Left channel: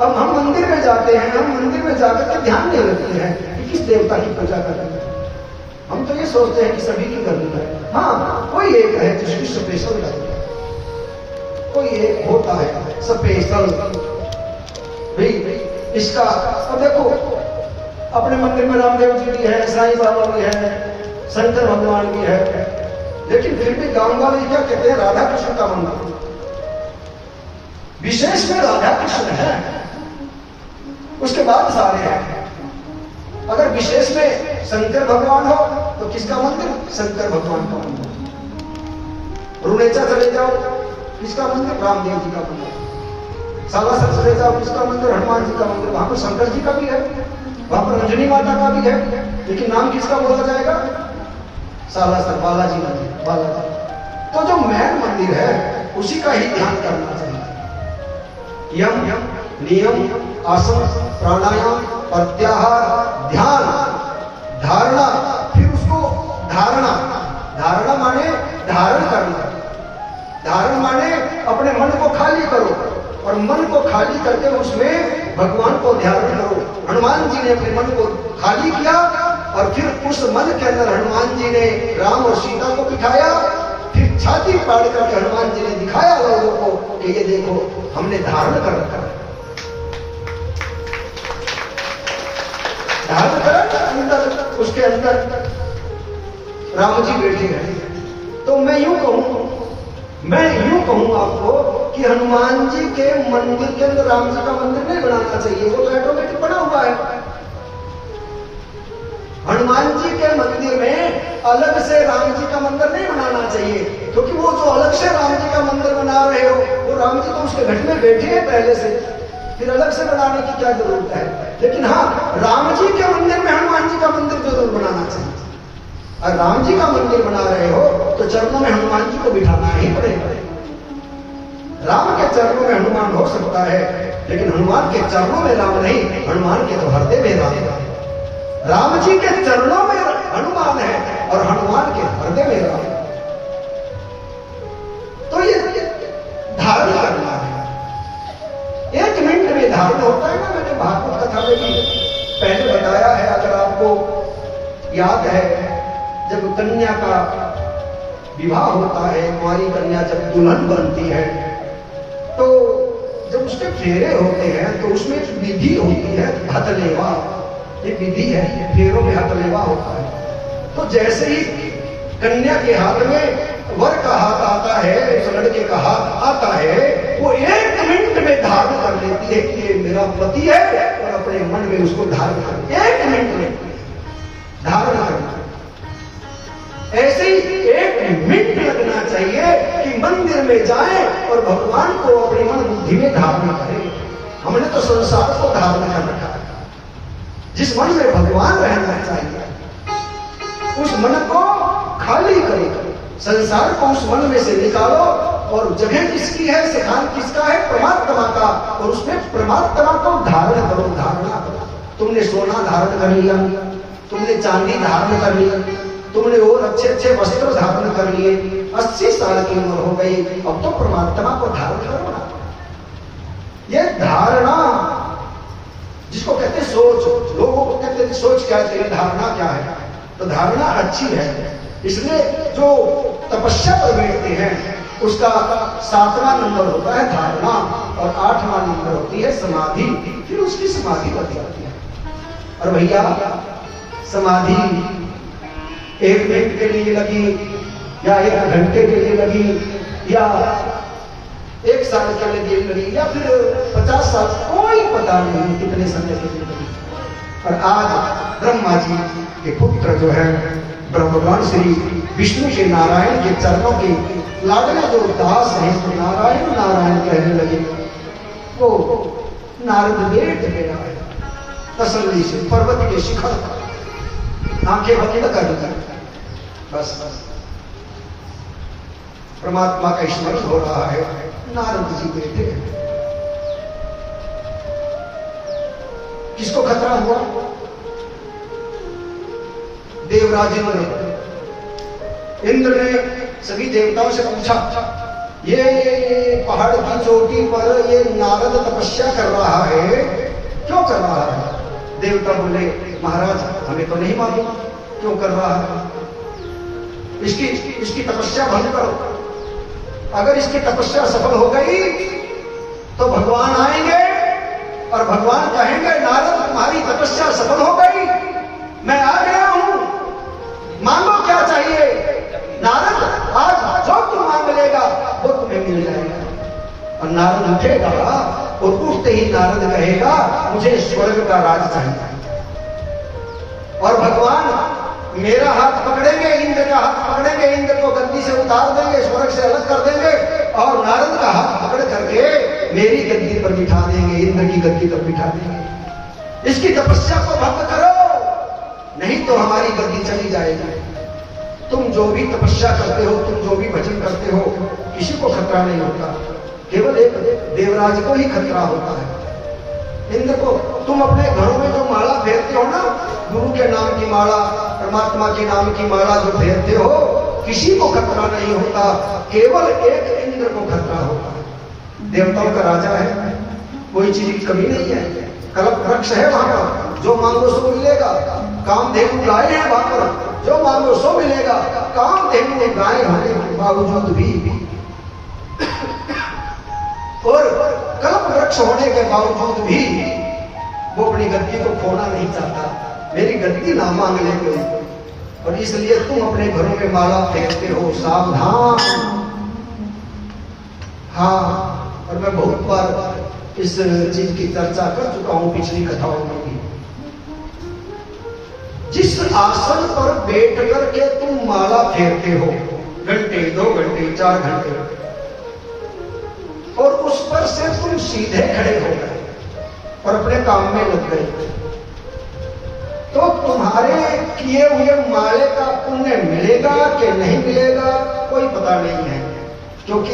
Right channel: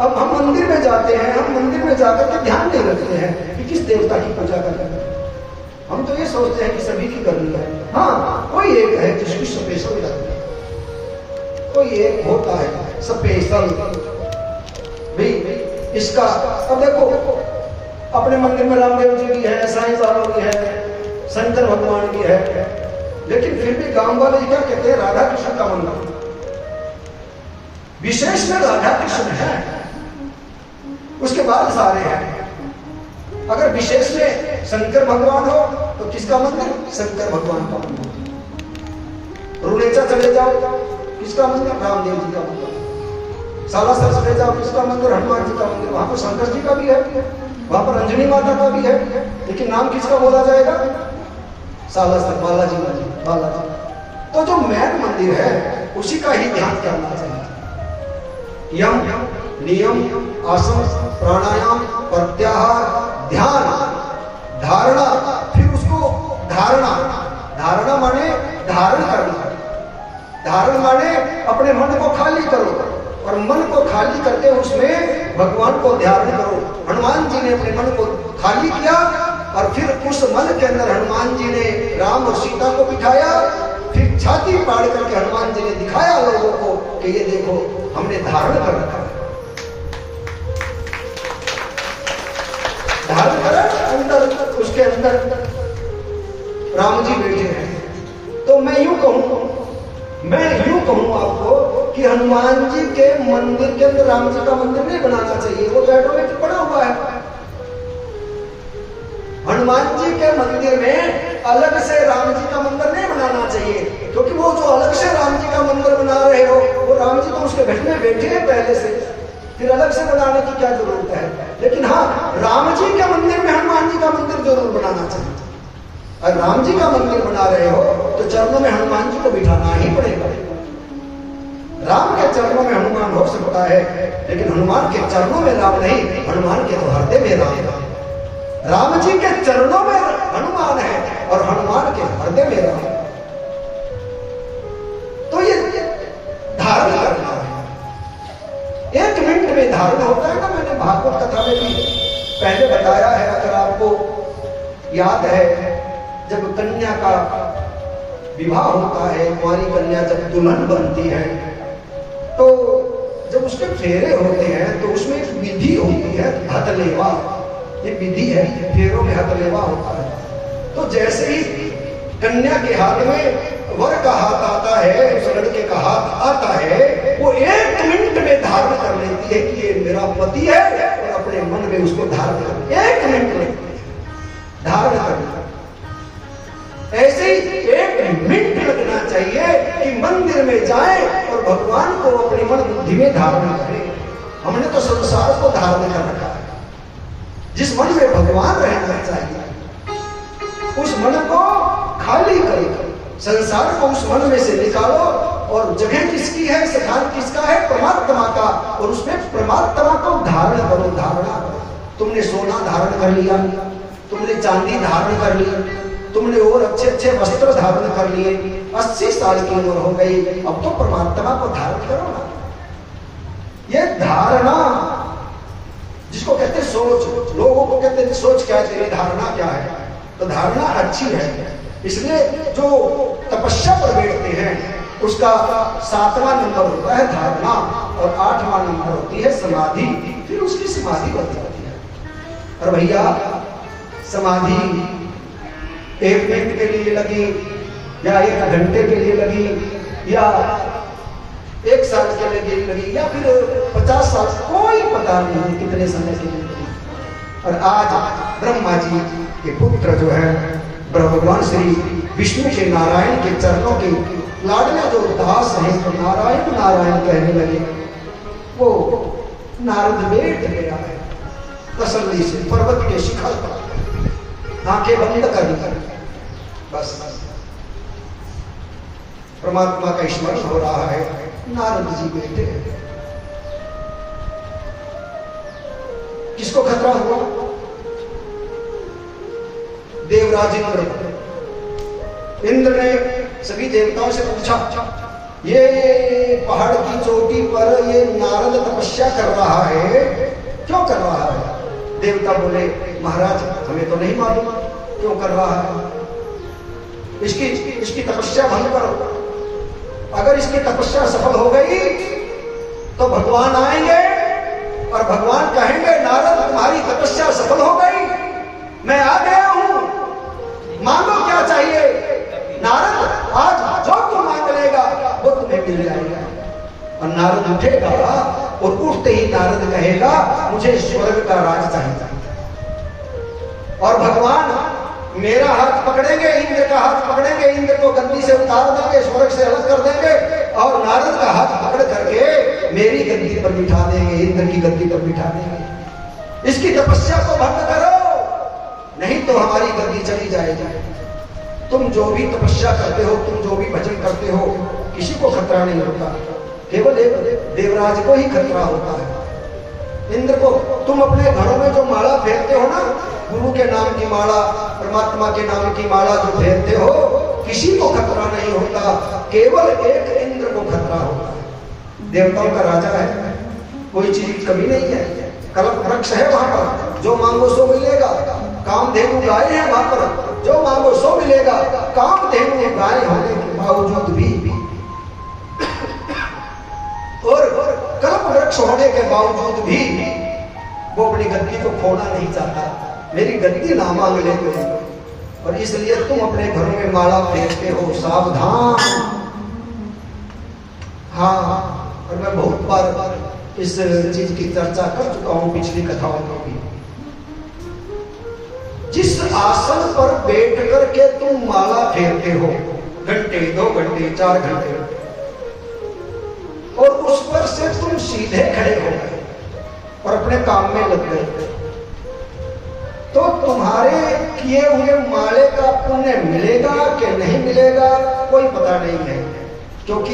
अब हम मंदिर में जाते हैं, हम मंदिर में जाकर के ध्यान नहीं रखते हैं कि किस देवता की पूजा करनी है। हम तो ये सोचते हैं कि सभी की करनी है। हाँ, कोई एक है जिसकी स्पेशल करनी है, कोई एक होता है स्पेशल भी इसका। अब देखो, अपने मंदिर में रामदेव जी भी है, साईं बाबा भी है, शंकर भगवान भी है, लेकिन फिर भी गांव वाले क्या कहते हैं, राधा कृष्ण का मंदिर विशेष में राधा कृष्ण है, उसके बाद सारे हैं। अगर विशेष में शंकर भगवान हो तो किसका मंदिर, शंकर भगवान का मंदिर। रुनेचा चले जाओ, किसका मंदिर, रामदेव जी का मंदिर। सालासर चले जाओ, किसका मंदिर, हनुमान जी का मंदिर। वहां पर शंकर जी का भी है, वहां पर रंजनी माता का भी है, लेकिन नाम किसका बोला जाएगा, सालासर बालाजी मंदिर, बालाजी। तो जो मेन मंदिर है उसी का ही ध्यान करना चाहिए। यम नियम आसन प्राणायाम प्रत्याहार ध्यान धारणा, फिर उसको धारणा, धारणा माने धारण करना, धारण माने अपने मन को खाली करो, और मन को खाली करके उसमें भगवान को ध्यान करो। हनुमान जी ने अपने मन को खाली किया और फिर उस मन के अंदर हनुमान जी ने राम और सीता को बिठाया, फिर छाती पाड़ करके हनुमान जी ने दिखाया लोगों को कि ये देखो हमने धारण कर रखा है। धारण कर अंदर, उसके अंदर राम जी बैठे हैं। तो मैं यूं कहूं आपको कि हनुमान जी के मंदिर के अंदर राम जी का मंदिर नहीं बनाना चाहिए, वो तो ऑटोमेटिक बना हुआ है। हनुमान जी के मंदिर में अलग से राम जी का मंदिर नहीं बनाना चाहिए, क्योंकि वो जो अलग से राम जी का मंदिर बना रहे हो, वो राम जी तो उसके घर में बैठे हैं पहले से, फिर अलग से बनाने की क्या जरूरत है। लेकिन हाँ, राम जी के मंदिर में हनुमान जी का मंदिर जरूर बनाना चाहिए। अगर राम जी का मंदिर बना रहे हो तो चरणों में हनुमान जी को बिठाना ही पड़ेगा। राम के चरणों में हनुमान हो सकता है, लेकिन हनुमान के चरणों में राम नहीं, हनुमान के तो हृदय में राम है। राम जी के चरणों में हनुमान है और हनुमान के हृदय में राम है। तो ये धारण करना है, 1 मिनट में धारण होता है ना। मैंने भागवत कथा में भी पहले बताया है, अगर आपको याद है, जब कन्या का विवाह होता है, कुंवारी कन्या जब दुल्हन बनती है, तो जब उसके फेरे होते हैं तो उसमें एक विधि होती है, हथलेवा, एक विधि है, फेरों में हथलेवा होता है। तो जैसे ही कन्या के हाथ में वर का हाथ आता है, उस लड़के का हाथ आता है, वो 1 मिनट में धारण कर लेती है कि ये मेरा पति है, और अपने मन में उसको धारण कर, 1 मिनट में धारण करना। ऐसे ही 1 मिनट लगना चाहिए कि मंदिर में जाए और भगवान को अपनी मन बुद्धि में धारण करें। हमने तो संसार को धारण कर रखा है। जिस मन में भगवान रहना चाहिए, उस मन को खाली करो, संसार को उस मन में से निकालो, और जगह किसकी है, स्थान किसका है, परमात्मा का, और उसमें परमात्मा को धारण करो, धारणा करो। तुमने सोना धारण कर लिया, तुमने चांदी धारण कर लिया, तुमने और अच्छे अच्छे वस्त्र धारण कर लिए, 80 साल की उम्र हो गई, अब तो परमात्मा को धारण करो ना। ये धारणा जिसको कहते हैं सोच, लोगों को कहते हैं सोच क्या है, धारणा क्या है। तो धारणा अच्छी है, इसलिए जो तपस्या पर बैठते हैं उसका 7वां नंबर होता है धारणा, और 8वां नंबर होती है समाधि, फिर उसकी समाधि बन जाती है। और भैया समाधि 1 मिनट के लिए लगी, या 1 घंटे के लिए लगी, या 1 साल के लिए लगी, या फिर 50 साल, कोई पता नहीं कितने समय के लिए लगी। और आज ब्रह्मा जी के पुत्र जो है भगवान श्री विष्णु के नारायण के चरणों के लाडले जो दास हैं, तो नारायण नारायण कहने लगे। वो नारद बैठ गया है तसल्ली से पर्वत के शिखर पर, आंखें बंद कर बस परमात्मा का स्मरण हो रहा है। नारद जी बैठे हैं। किसको खतरा हुआ? देवराज इंद्र ने सभी देवताओं से पूछा ये पहाड़ की चोटी पर ये नारद तपस्या कर रहा है, क्यों कर रहा है? देवता बोले महाराज हमें तो नहीं मालूम क्यों कर रहा है, इसकी तपस्या भंग करो। अगर इसकी तपस्या सफल हो गई तो भगवान आएंगे और भगवान कहेंगे नारद तुम्हारी तपस्या सफल हो गई, मैं आ गया हूं, मांगो क्या चाहिए। नारद आज जो तुम मांग लेगा वो तुम्हें मिल जाएगा। और नारद उठेगा और उठते ही नारद कहेगा मुझे स्वर्ग का राज चाहिए। और भगवान मेरा हाथ पकड़ेंगे, इंद्र का हाथ पकड़ेंगे, इंद्र को गद्दी से उतार देंगे, स्वर्ग से अलग कर देंगे और नारद का हाथ पकड़ करके मेरी गद्दी पर बिठा देंगे, इंद्र की गद्दी पर बिठा देंगे। इसकी तपस्या को भंग करो, नहीं तो हमारी गद्दी चली जाएगी। तुम जो भी तपस्या करते हो, तुम जो भी भजन करते हो, किसी को खतरा नहीं होता, केवल एक देवराज को ही खतरा होता है, इंद्र को। तुम अपने घरों में जो माला फेरते हो ना, गुरु के नाम की माला, परमात्मा के नाम की माला जो फेरते हो, किसी को खतरा नहीं होता, केवल एक इंद्र को खतरा होता है। देवताओं का राजा है, कोई चीज की कमी नहीं है, कल्प वृक्ष है वहां पर, जो मांगो सो मिलेगा। कामधेनु गाय है वहां पर, जो मांगो सो मिलेगा। कामधेनु गाय होने के बावजूद भी और कल्प वृक्ष होने के बावजूद भी वो अपनी गद्दी को खोना नहीं चाहता, मेरी गद्दी ना मांग ले कोई। और इसलिए तुम अपने घरों में माला फेंकते हो, सावधान। हाँ, और मैं बहुत बार इस चीज की चर्चा कर चुका हूं पिछली कथाओं में भी। जिस आसन पर बैठ करके तुम माला फेरते हो, घंटे 2 घंटे 4 घंटे, और उस पर से तुम सीधे खड़े हो गए और अपने काम में लग गए, तो तुम्हारे किए हुए माले का पुण्य मिलेगा कि नहीं मिलेगा कोई पता नहीं है, क्योंकि